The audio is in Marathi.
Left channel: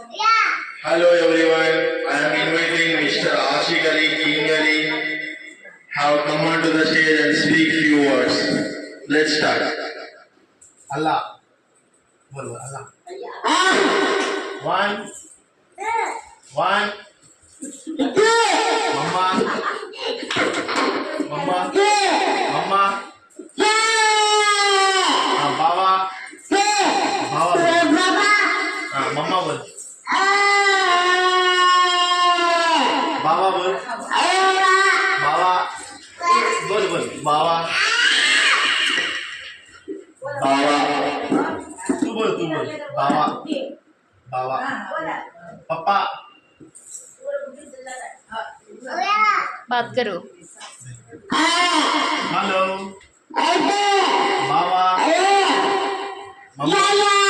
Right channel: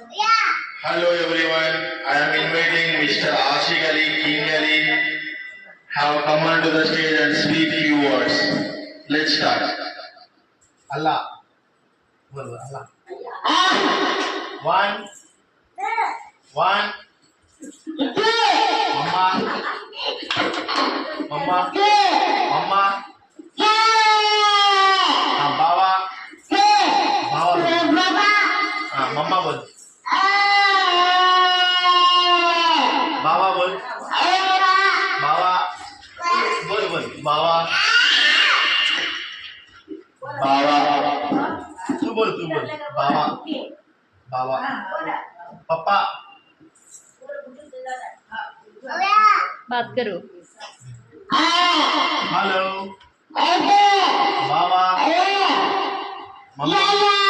Hello everyone, I am inviting Mr. Ashik Ali King Ali have come onto the stage and speak few words. Let's start. Allah. बोल Allah. One. Mama. Mama. Bawa. Mama बोल. बाबा बोल. बाबा. बोल. बाबा. तू बोल. बाबा. पप्पा. बात करो. हेलो. बाबा. मम्मा.